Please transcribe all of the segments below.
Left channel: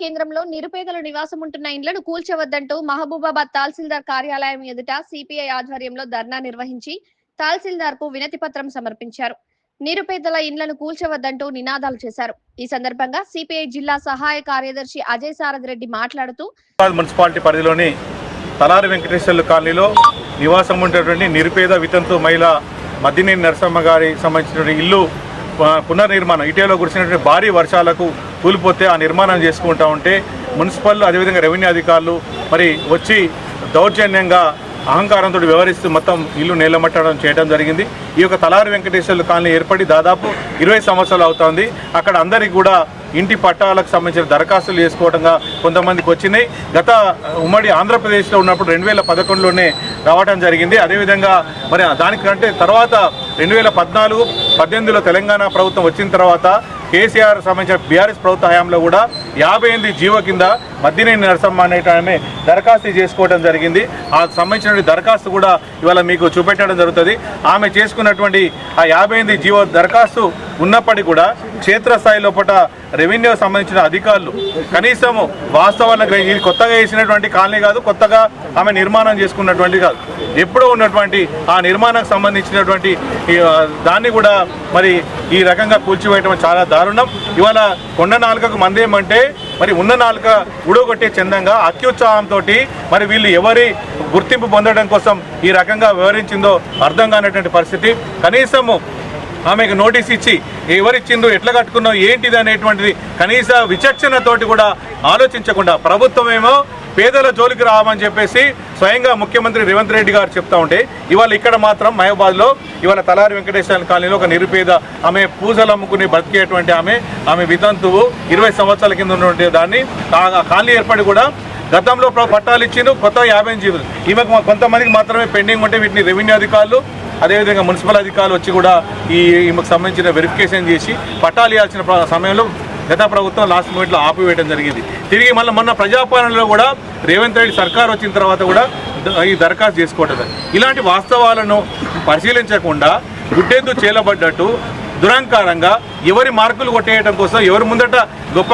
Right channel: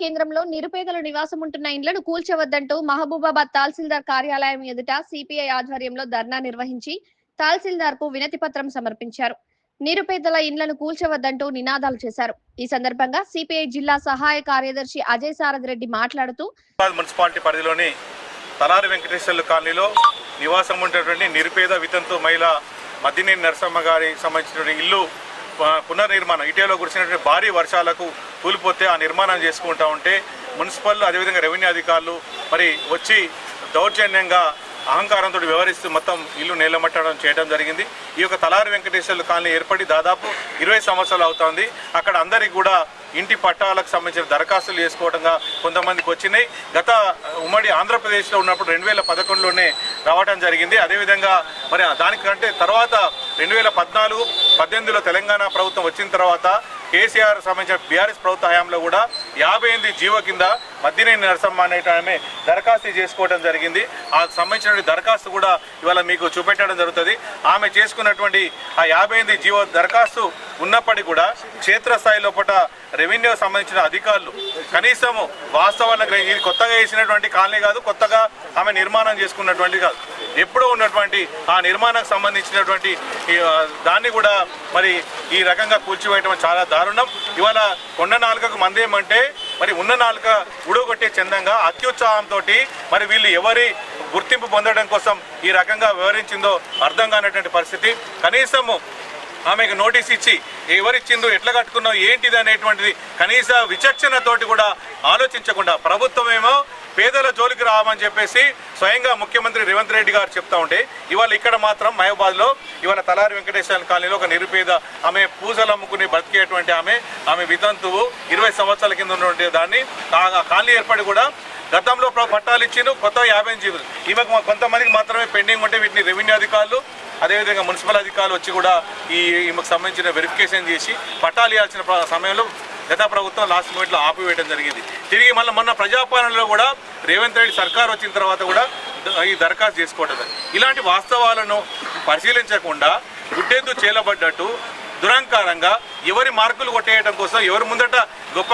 కేంద్రంలో నిరుపేదలు నివాసం ఉంటున్న ఇండ్లను కూల్చవద్దంటూ మహబూబాబాద్ తహసీల్దార్ కార్యాలయం ఎదుట సిపిఐ ఆధ్వర్యంలో ధర్నా నిర్వహించి తహసీల్దార్కు వినతి పత్రం సమర్పించారు. నిరుపేదల ఇండ్లను కూల్చవద్దంటూ నినాదాలు చేశారు. ఈ సందర్భంగా సిపిఐ జిల్లా సహాయ కార్యదర్శి అజయ్ సారథ్ రెడ్డి మాట్లాడుతూ మున్సిపాలిటీ పరిధిలోని తలారి వెంకటేశ్వర్లు కాలనీలో నివాసం ఉండేటువంటి నిరుపేద వితంతు మహిళ మద్దినేని నరసమ్మ గారి సంబంధించినటువంటి ఇల్లు పునర్నిర్మాణం ఇటీవల కురిసినటువంటి భారీ వర్షాలకు కూలిపోతే ఆ నిర్మాణం చేసుకుంటా ఉంటే మున్సిపల్ అదేవిధంగా రెవెన్యూ అధికారులు మరి వచ్చి దౌర్జన్యంగా అహంకారంతో వ్యవహరిస్తూ మొత్తం ఇల్లు నేలమట్టడం చేయడం జరిగింది. ఈ యొక్క తలారి వెంకటేశ్వర్లు కాలనీ ఏర్పడి దాదాపు ఇరవై సంవత్సరాలు అవుతోంది. అక్కడ అందరికీ కూడా ఇంటి పట్టాలకు సంబంధించిన దరఖాస్తులు చేసుకోవడంగా కొంతమందికి వచ్చినాయి. గత ఉమ్మడి ఆంధ్రప్రదేశ్లో ఉన్నప్పుడు రెండు వేల పదకొండులోనే రావడం జరిగింది. అదేవిధంగా మరి దానికంటే తర్వాత రెండు వేల పద్నాలుగు పద్దెనిమిదిలో తెలంగాణ ప్రభుత్వం వచ్చిన తర్వాత కేసీఆర్ సంబంధించిన బీఆర్ఎస్ ప్రభుత్వ హయాంలో కూడా యాభై ఎనిమిది జీవో కింద మద్దినేని నరసమ్మ అనేటమే దరఖాస్తు చేసుకోవడం జరిగింది. ఆ సంబంధించిన దరఖాస్తు కూడా ఇవాళ మీకు చూపెట్టడం జరుగుతుంది. ఆమె చేసుకున్నటువంటి ఆ యాభై ఎనిమిది జీవో దరఖాస్తు ఉన్నప్పటికీ కూడా క్షేత్రస్థాయి లోపల రెవెన్యూ సంబంధించిన అధికారులు కనీసం వాస్తవాలను ఇది కొత్తగా వేసినటువంటి కాలనీ కాదు కొత్తగా ఆమె నిర్మాణం చేసుకున్నటువంటి కాదు. ఎప్పుడో ఉన్నటువంటి ఆ నిర్మాణానికి సంబంధించినటువంటి దాన్ని కూడా మరి ఈ రకంగా కూల్చివేయటం చాలా దారుణం. ఇవాళ కొండ నాలుకకు మందేమంటే మరి ఉన్న నాలుక ఉడగొట్టే చందంగా అత్యుత్సాహంతో మరి వీళ్ళు ఎవరి గుర్తింపు పొందడం కోసం ఈ రకంగా వివరించిందో అర్థం కానటువంటి పరిస్థితి. కనీసము ఆమెకు నోటీస్ ఇచ్చి ఎవరిచ్చిందో ఎట్లా కట్టుకున్నావు ఏంటిది అనేటువంటిది కనీస విచక్షణతోటి కూడా ఆలోచించకుండా ప్రభుత్వం ఏమో పేదల జోలికి రావని చెప్పేసి స్వయంగా ముఖ్యమంత్రి రేవంత్ రెడ్డి గారు చెప్తా ఉంటే ఇవాళ ఇక్కడ మాత్రం మహబాద్లో ఇవాళ తలారి వెంకటేశ్వర కాలనీలో ఒక నిరుపేద ఆమె పూజలు అమ్ముకుని బతికేటువంటి ఆమె ఆమె వితంతువు ఇరవై సంవత్సరాల కింద ఉన్నటువంటి దాన్ని ఆ కాలనీ ఏర్పడి కూడా గతంలో పట్టాలు ఇచ్చిండు కొత్త యాభై జీవులు. ఈమెకు మా- కొంతమందికి మాత్రమే పెండింగ్ ఉంటే వీటిని రెవెన్యూ అధికారులు అదేవిధంగా మున్సిపల్ అధికారులు వచ్చి కూడా ఈ ఈమెకు సంబంధించిన వెరిఫికేషన్ చేసి పట్టాలు ఇవ్వాల్సిన సమయంలో గత ప్రభుత్వం లాస్ట్ మూమెంట్లో ఆపివేయడం జరిగింది. తిరిగి మళ్ళీ మొన్న ప్రజాపాలనలో కూడా రేవంత్ రెడ్డి సర్కార్ వచ్చిన తర్వాత కూడా ఈ దరఖాస్తు చేసుకోవటం ఇలాంటి వాస్తవాలను పరిశీలించకుండా గుడ్డెద్దు చేలబడ్డట్టు దురహంకారంగా ఎవరి మార్కులు కొట్టేయడం కోసం ఎవరి ముందట గొప్ప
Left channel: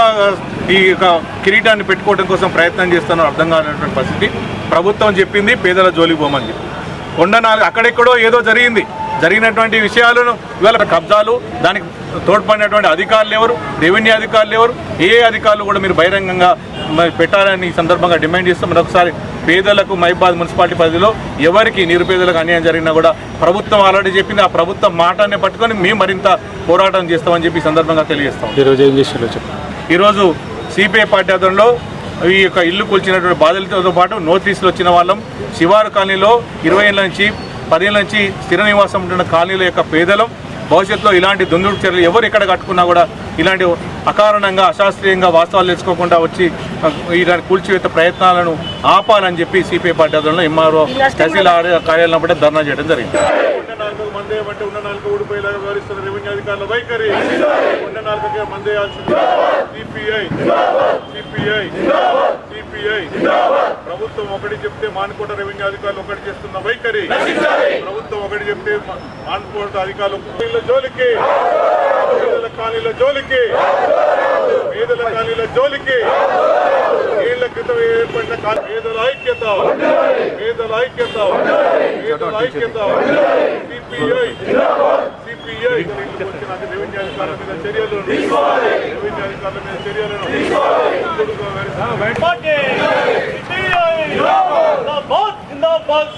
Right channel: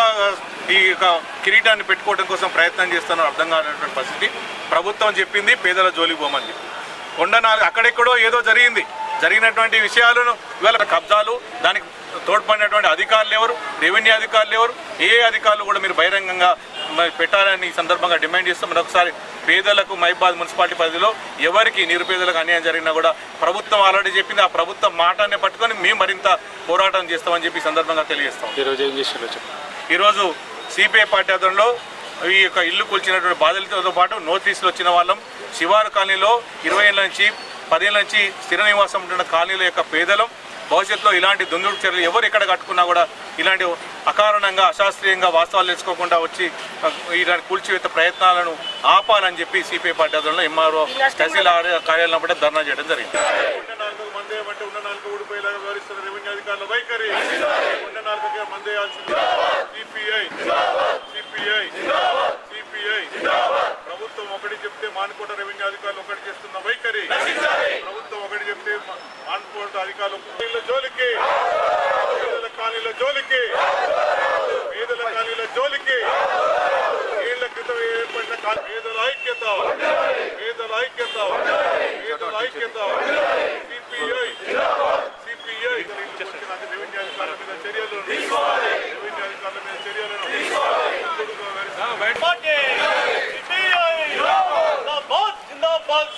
ఈ యొక్క కిరీటాన్ని పెట్టుకోవడం కోసం ప్రయత్నం చేస్తున్నారో అర్థం కానటువంటి పరిస్థితి. ప్రభుత్వం చెప్పింది పేదల జోలికి పోమని చెప్పి. కొండ నాలుగు అక్కడెక్కడో ఏదో జరిగింది. జరిగినటువంటి విషయాలను ఇవాళ కబ్జాలు దానికి తోడ్పడినటువంటి అధికారులు ఎవరు? రెవెన్యూ అధికారులు ఎవరు? ఏ అధికారులు కూడా మీరు బహిరంగంగా పెట్టాలని ఈ సందర్భంగా డిమాండ్ చేస్తాం మరొకసారి పేదలకు మైబాద్ మున్సిపాలిటీ పరిధిలో ఎవరికి నిరుపేదలకు అన్యాయం జరిగినా కూడా ప్రభుత్వం ఆల్రెడీ చెప్పింది. ఆ ప్రభుత్వం మాటాన్ని పట్టుకొని మేము మరింత పోరాటం చేస్తామని చెప్పి ఈ సందర్భంగా తెలియజేస్తాం. ఈరోజు ఏం ఈరోజు సిపిఐ పార్టీ ఆధ్వర్యంలో ఈ యొక్క ఇల్లు కూల్చినటువంటి బాధితులతో పాటు నోటీసులు వచ్చిన వాళ్ళం. శివారు కాలనీలో ఇరవై ఏళ్ళ నుంచి పదేళ్ళ నుంచి స్థిర నివాసం ఉంటున్న కాలనీల యొక్క పేదలం. భవిష్యత్తులో ఇలాంటి దుందుడు చర్యలు ఎవరు ఎక్కడ కట్టుకున్నా కూడా ఇలాంటి అకారణంగా అశాస్త్రీయంగా వాస్తవాలు తెలుసుకోకుండా వచ్చి ఇలాంటి కూల్చివేత ప్రయత్నాలను ఆపాలని చెప్పి సిపిఐ పార్టీ ఆధ్వర్యంలో ఎంఆర్ఓ తహసీల్ కార్యాలయం పట్ల ధర్నా చేయడం జరిగింది. ఉన్న నాలుగు మందే అంటే ఉన్న నాలుగు ఊడిపోయేలాగా వ్యవహరిస్తున్న రెవెన్యూ అధికారుల వైఖరి ఉన్న నాలుగుకే మందే సిపిఐ సిపిఐ సిపిఐ ప్రభుత్వం ఒకటి చెప్తే మానుకోట రెవెన్యూ అధికారులు ఒకటి చేస్తున్న వైఖరి. ప్రభుత్వం ఒకటి చెప్తే మానుకోట అధికారులు జోలికి. పేదల కాలనీల జోలికి. పేదల కాలనీల జోలికి. ఏళ్ళ క్రితం ఏర్పడిన పేదల ఐక్యత. పేదల ఐక్యత. పేదల ఐక్యత. సిపిఐ సిపిఐ వచ్చిన రెవెన్యూ అధికారుల మీద చర్యలు. రెవెన్యూ అధికారుల మీద చర్యలను response